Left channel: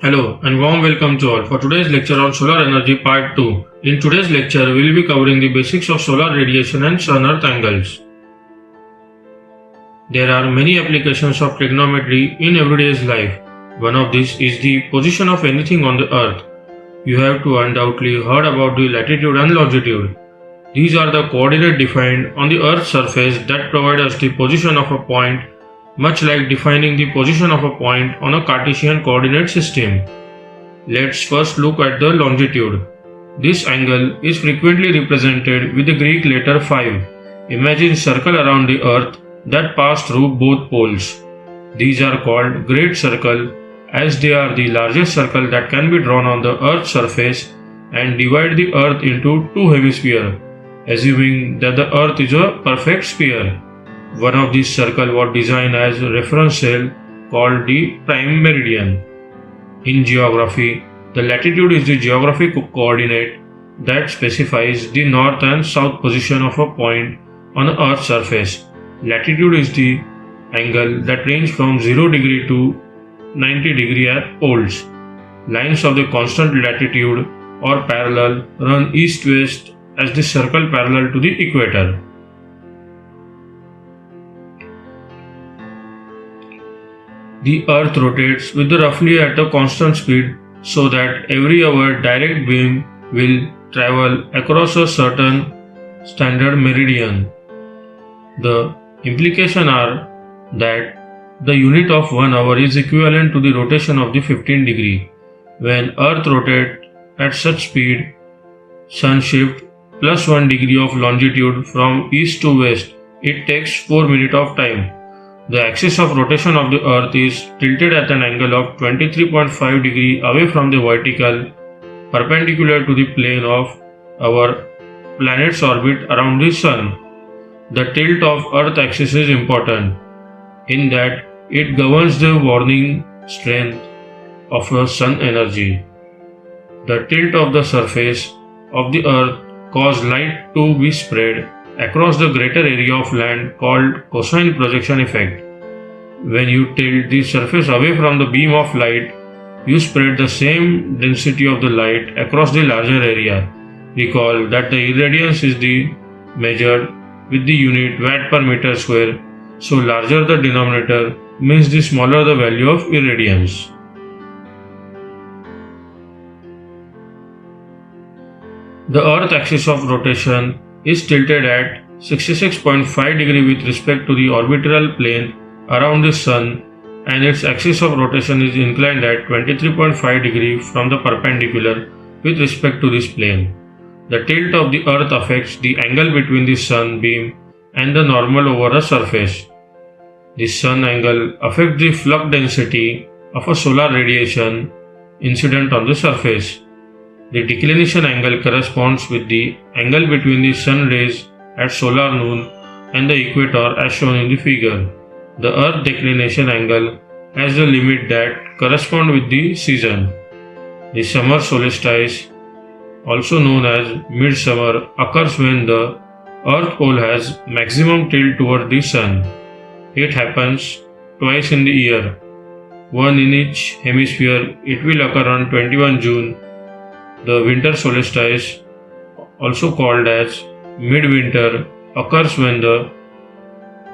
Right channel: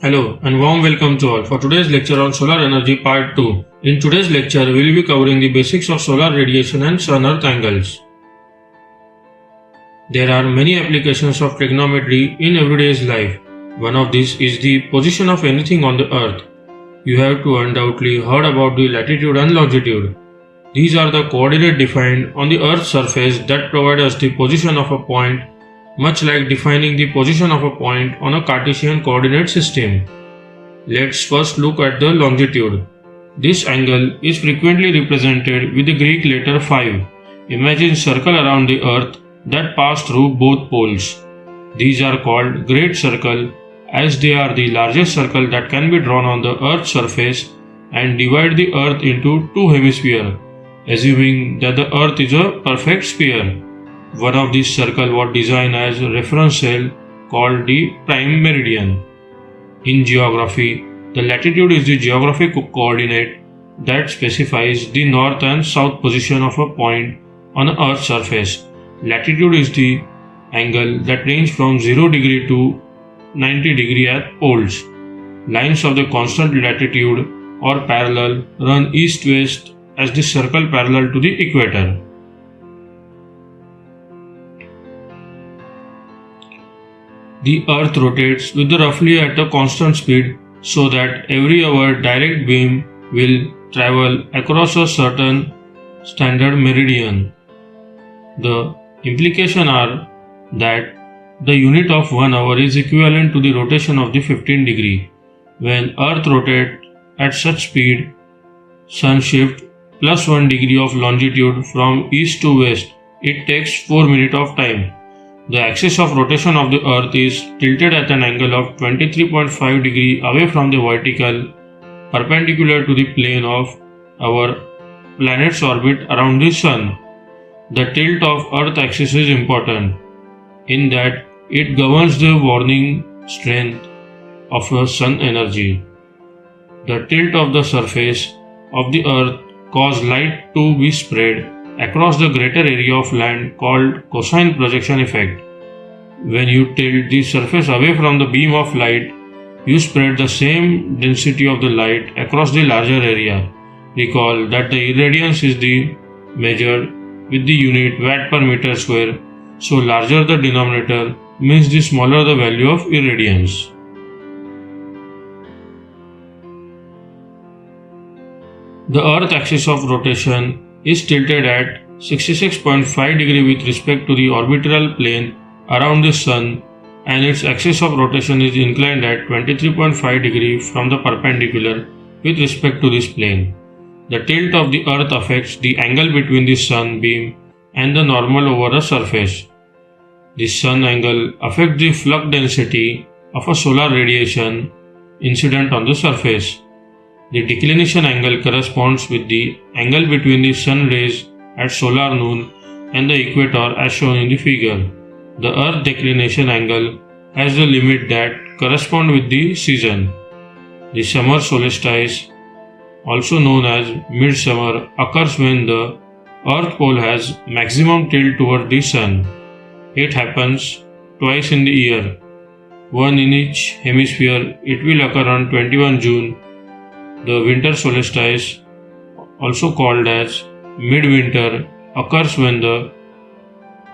Hello and warm welcome to all for today's lecture on solar energy part 2. In today's lecture, we will be covering the basics of solar radiation and sun-earth angles. There are many applications of trigonometry in everyday's life. One of these is the position of anything on the earth. You have to undoubtedly heard about the latitude and longitude. These are the coordinates defined on the earth's surface that provide us the position of a point, much like defining the position of a point on a Cartesian coordinate system. Let's first look at the longitude. This angle is frequently represented with the Greek letter phi. Imagine circle around the earth that pass through both poles. These are called great circle as they are the largest circle that can be drawn on the earth's surface and divide the earth into two hemispheres, assuming that the earth is a perfect sphere. One of these circles was designed as a reference cell called the prime meridian. In geography, the latitude is the geographic coordinate that specifies the north and south position of a point on the earth's surface. Latitude is the angle that ranges from 0 degree to 90 degree at poles. Lines of the constant latitude or parallel run east-west as the circle parallel to the equator. The earth rotates with roughly at a constant speed so that every hour direct beam will travel across a certain standard meridian. The implications are that the unit of 1 hour is equivalent to the rotation of the 15 degree. When earth rotates at such speed, sun shift plus 1 degree of longitude from east to west. It takes 4 minutes of time. The axis of rotation of the earth is tilted at an angle of 23.5 degree away from the vertical, perpendicular to the plane of our planet's orbit around the sun. The tilt of earth axis is important in that it governs the warning strength of the sun energy. The tilt of the surface of the earth causes light to be spread across the greater area of land called cosine projection effect. When you tilt the surface away from the beam of light, you spread the same density of the light across the larger area. Recall that the irradiance is measured with the unit watt per meter square, so larger the denominator means the smaller the value of irradiance. The earth axis of rotation is tilted at 66.5 degree with respect to the orbital plane around the sun, and its axis of rotation is inclined at 23.5 degree from the perpendicular with respect to this plane. The tilt of the earth affects the angle between the sun beam and the normal over a surface. The sun angle affects the flux density of a solar radiation incident on the surface. The declination angle corresponds with the angle between the sun rays at solar noon and the equator as shown in the figure. The earth declination angle has the limit that correspond with the season. The summer solstice, also known as midsummer, occurs when the earth pole has maximum tilt toward the sun. It happens twice in the year, one in each hemisphere. It will occur on 21 June. The winter solstice, also called as midwinter, occurs when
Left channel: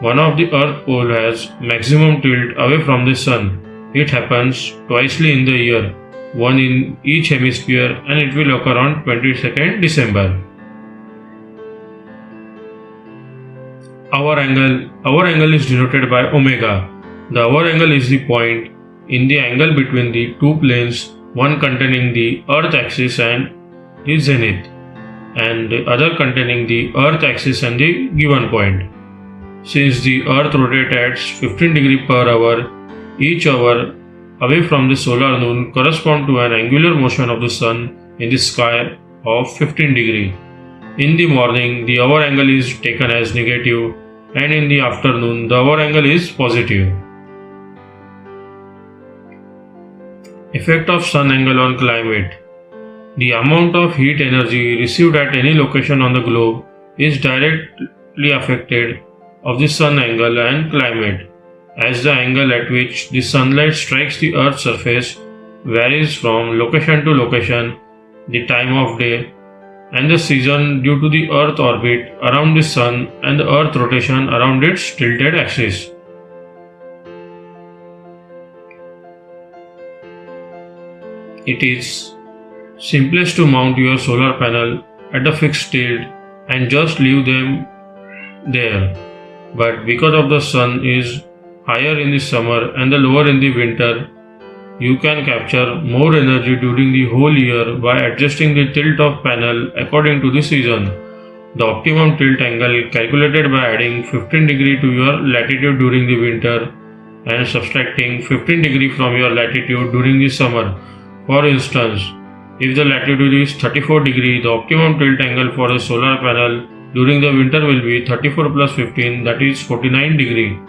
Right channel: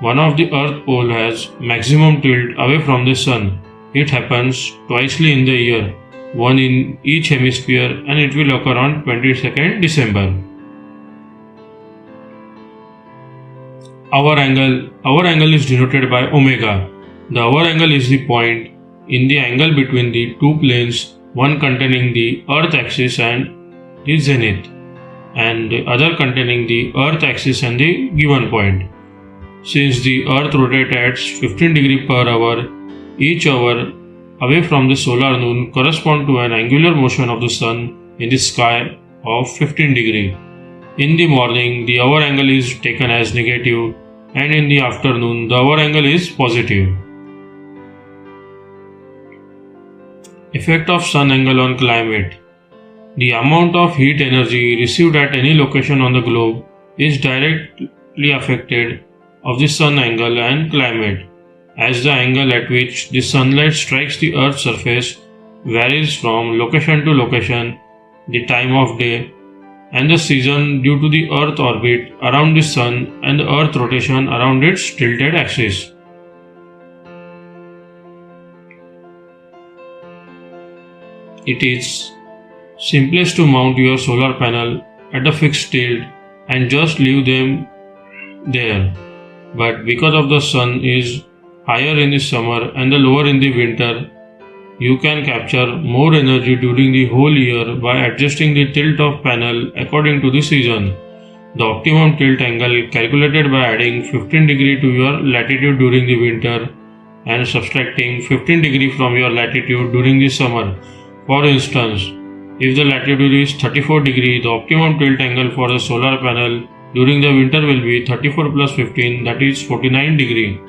one of the earth pole has maximum tilt away from the sun. It happens twice in the year, one in each hemisphere, and it will occur on 22nd December. Hour angle is denoted by omega. The hour angle is the point in the angle between the two planes, one containing the earth axis and the zenith, and the other containing the earth axis and the given point. Since the earth rotates at 15 degree per hour, each hour away from the solar noon corresponds to an angular motion of the sun in the sky of 15 degree. In the morning, the hour angle is taken as negative, and in the afternoon, the hour angle is positive. Effect of sun angle on climate. The amount of heat energy received at any location on the globe is directly affected of the sun angle and climate, as the angle at which the sunlight strikes the earth's surface varies from location to location, the time of day, and the season due to the Earth orbit around the Sun and the Earth rotation around its tilted axis. It is simplest to mount your solar panel at a fixed tilt and just leave them there. But because of the sun is higher in the summer and the lower in the winter, you can capture more energy during the whole year by adjusting the tilt of panel according to the season. The optimum tilt angle calculated by adding 15 degree to your latitude during the winter and subtracting 15 degree from your latitude during the summer. For instance, if the latitude is 34 degree, the optimum tilt angle for the solar panel during the winter will be 34 plus 15, that is 49 degree.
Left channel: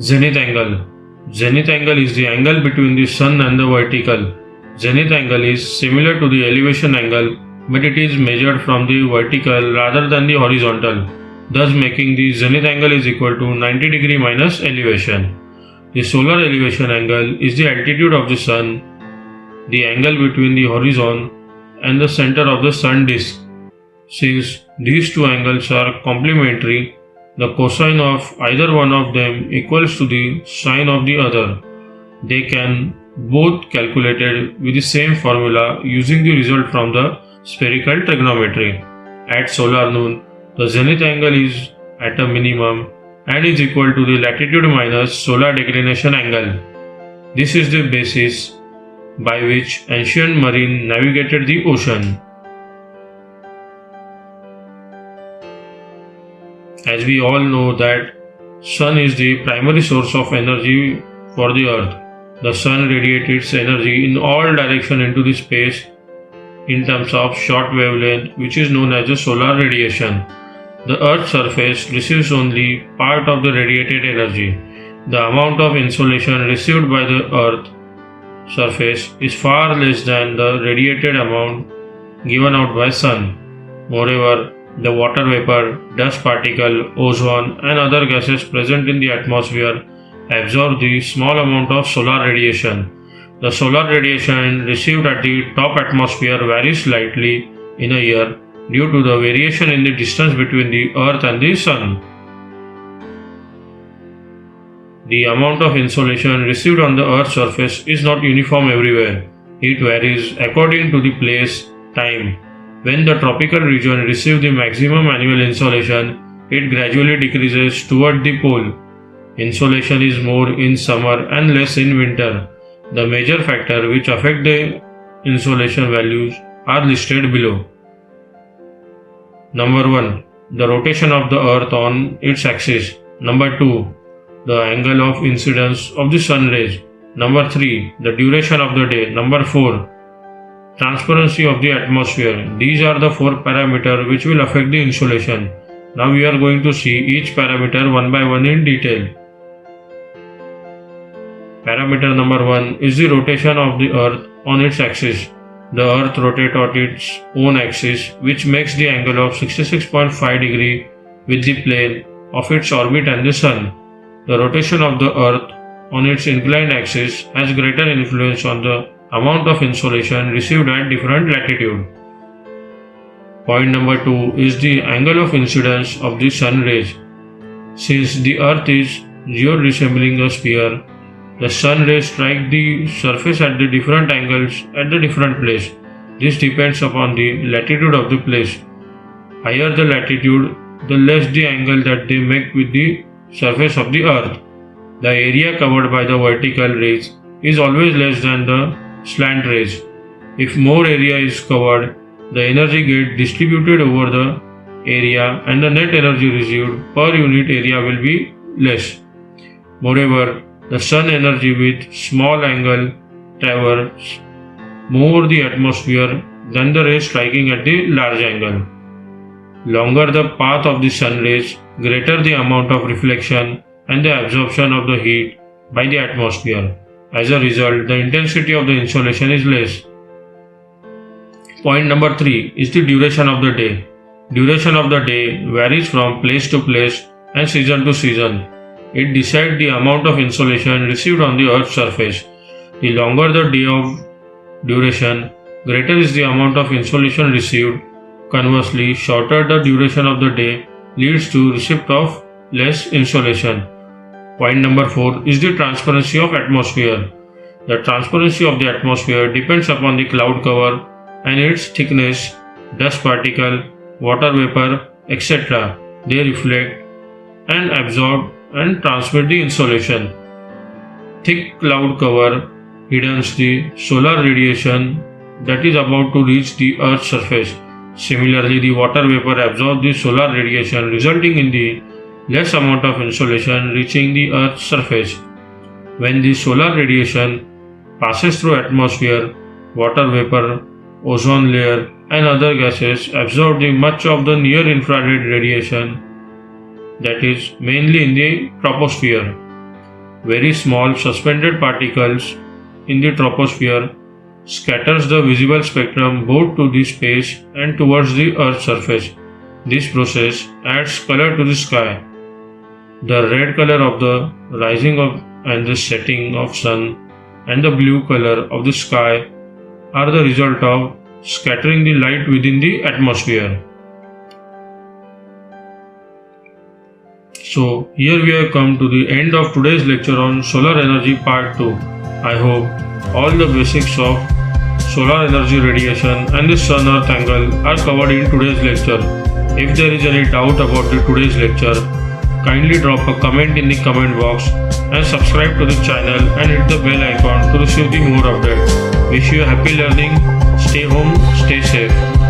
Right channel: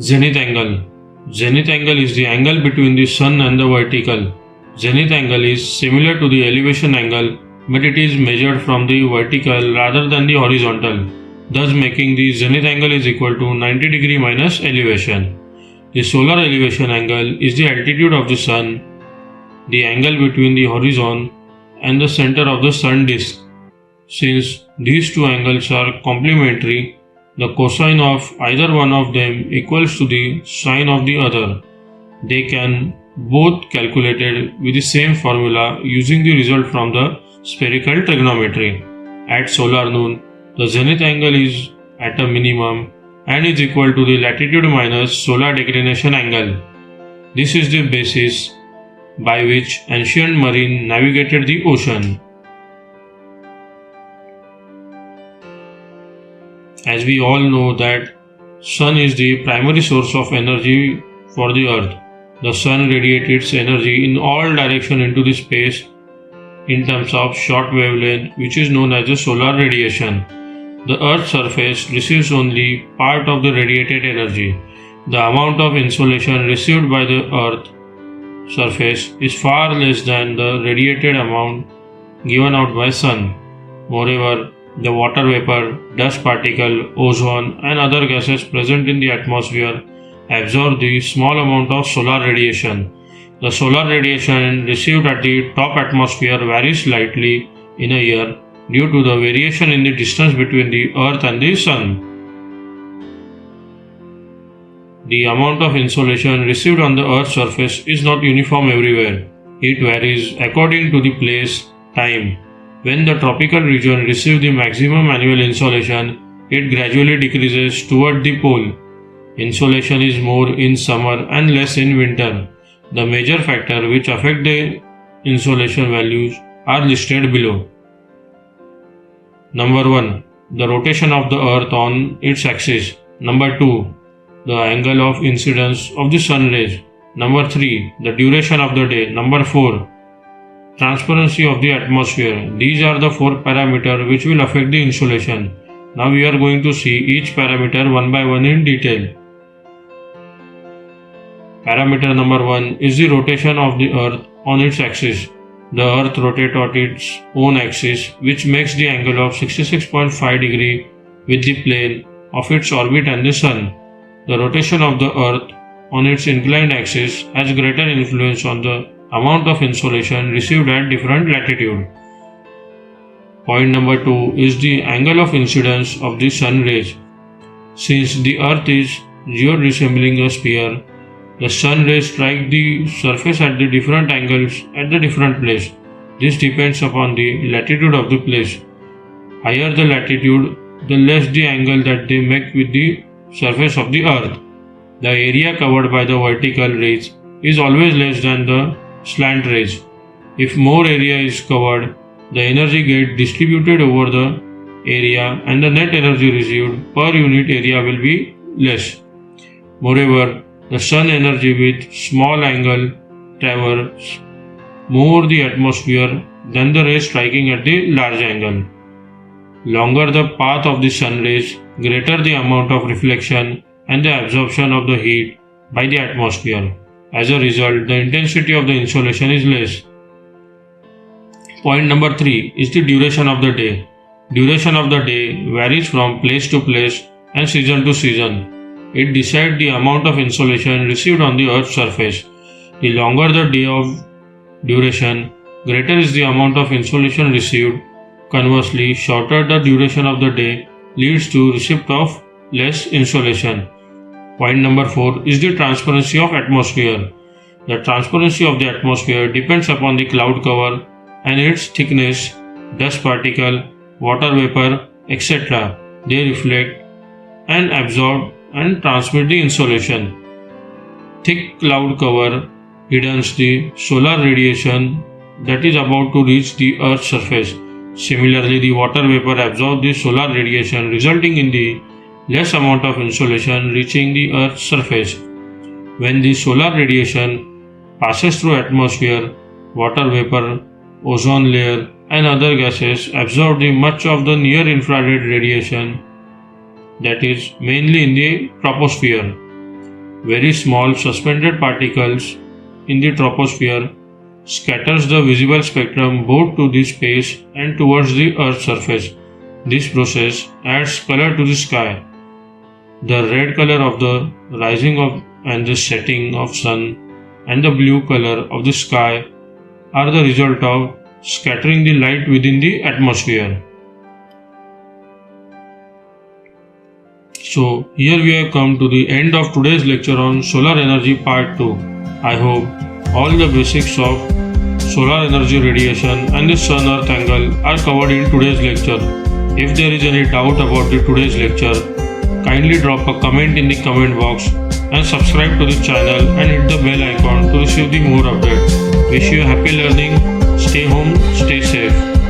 Zenith angle. Zenith angle is the angle between the sun and the vertical. Zenith angle is similar to the elevation angle, but it is measured from the vertical rather than the horizontal, thus making the zenith angle is equal to 90 degree minus elevation. The solar elevation angle is the altitude of the sun, the angle between the horizon and the center of the sun disk. Since these two angles are complementary, the cosine of either one of them equals to the sine of the other. They can both calculated with the same formula using the result from the spherical trigonometry. At solar noon, the zenith angle is at a minimum and is equal to the latitude minus solar declination angle. This is the basis by which ancient marine navigated the ocean. As we all know that sun is the primary source of energy for the earth. The sun radiates its energy in all directions into the space in terms of short wavelength, which is known as the solar radiation. The earth's surface receives only part of the radiated energy. The amount of insolation received by the earth surface is far less than the radiated amount given out by sun. Moreover, the water vapor, dust particle, ozone and other gases present in the atmosphere absorb the small amount of solar radiation. The solar radiation received at the top atmosphere varies slightly in a year due to the variation in the distance between the earth and the sun. The amount of insolation received on the earth's surface is not uniform everywhere. It varies according to the place, time. When the tropical region receives the maximum annual insolation, it gradually decreases toward the pole. Insolation is more in summer and less in winter. The major factors which affect the insolation values are listed below. Number 1. The rotation of the earth on its axis. Number 2. The angle of incidence of the sun rays. Number 3. The duration of the day. Number 4. Transparency of the atmosphere. These are the 4 parameters which will affect the insolation. Now we are going to see each parameter one by one in detail. Parameter number 1 is the rotation of the earth on its axis. The earth rotates on its own axis, which makes the angle of 66.5 degree with the plane of its orbit and the sun. The rotation of the earth on its inclined axis has greater influence on the amount of insolation received at different latitude. Point number 2 is the angle of incidence of the sun rays. Since the earth is resembling a sphere, the sun rays strike the surface at the different angles at the different place. This depends upon the latitude of the place. Higher the latitude, the less the angle that they make with the surface of the earth. The area covered by the vertical rays is always less than the slant rays. If more area is covered, the energy gets distributed over the area and the net energy received per unit area will be less. Moreover, the sun energy with small angle travels more the atmosphere than the rays striking at the large angle. Longer the path of the sun rays, greater the amount of reflection and the absorption of the heat by the atmosphere. As a result, the intensity of the insolation is less. Point number 3 is the duration of the day. Duration of the day varies from place to place and season to season. It decides the amount of insolation received on the Earth's surface. The longer the day of duration, greater is the amount of insolation received. Conversely, shorter the duration of the day leads to receipt of less insolation. Point number 4 is the transparency of atmosphere. The transparency of the atmosphere depends upon the cloud cover and its thickness, dust particle, water vapor, etc. They reflect and absorb and transmit the insolation. Thick cloud cover hidens the solar radiation that is about to reach the Earth's surface. Similarly, the water vapor absorbs the solar radiation, resulting in the less amount of insolation reaching the Earth's surface. When the solar radiation passes through atmosphere, water vapor, ozone layer and other gases absorb the much of the near infrared radiation, that is mainly in the troposphere. Very small suspended particles in the troposphere scatters the visible spectrum both to the space and towards the Earth's surface. This process adds color to the sky. The red color of the rising of and the setting of sun and the blue color of the sky are the result of scattering the light within the atmosphere. So here we have come to the end of today's lecture on solar energy part 2. I hope all the basics of solar energy radiation and the sun-earth angle are covered in today's lecture. If there is any doubt about today's lecture, kindly drop a comment in the comment box and subscribe to the channel and hit the bell icon to receive the more updates. Wish you happy learning. Stay home, stay safe.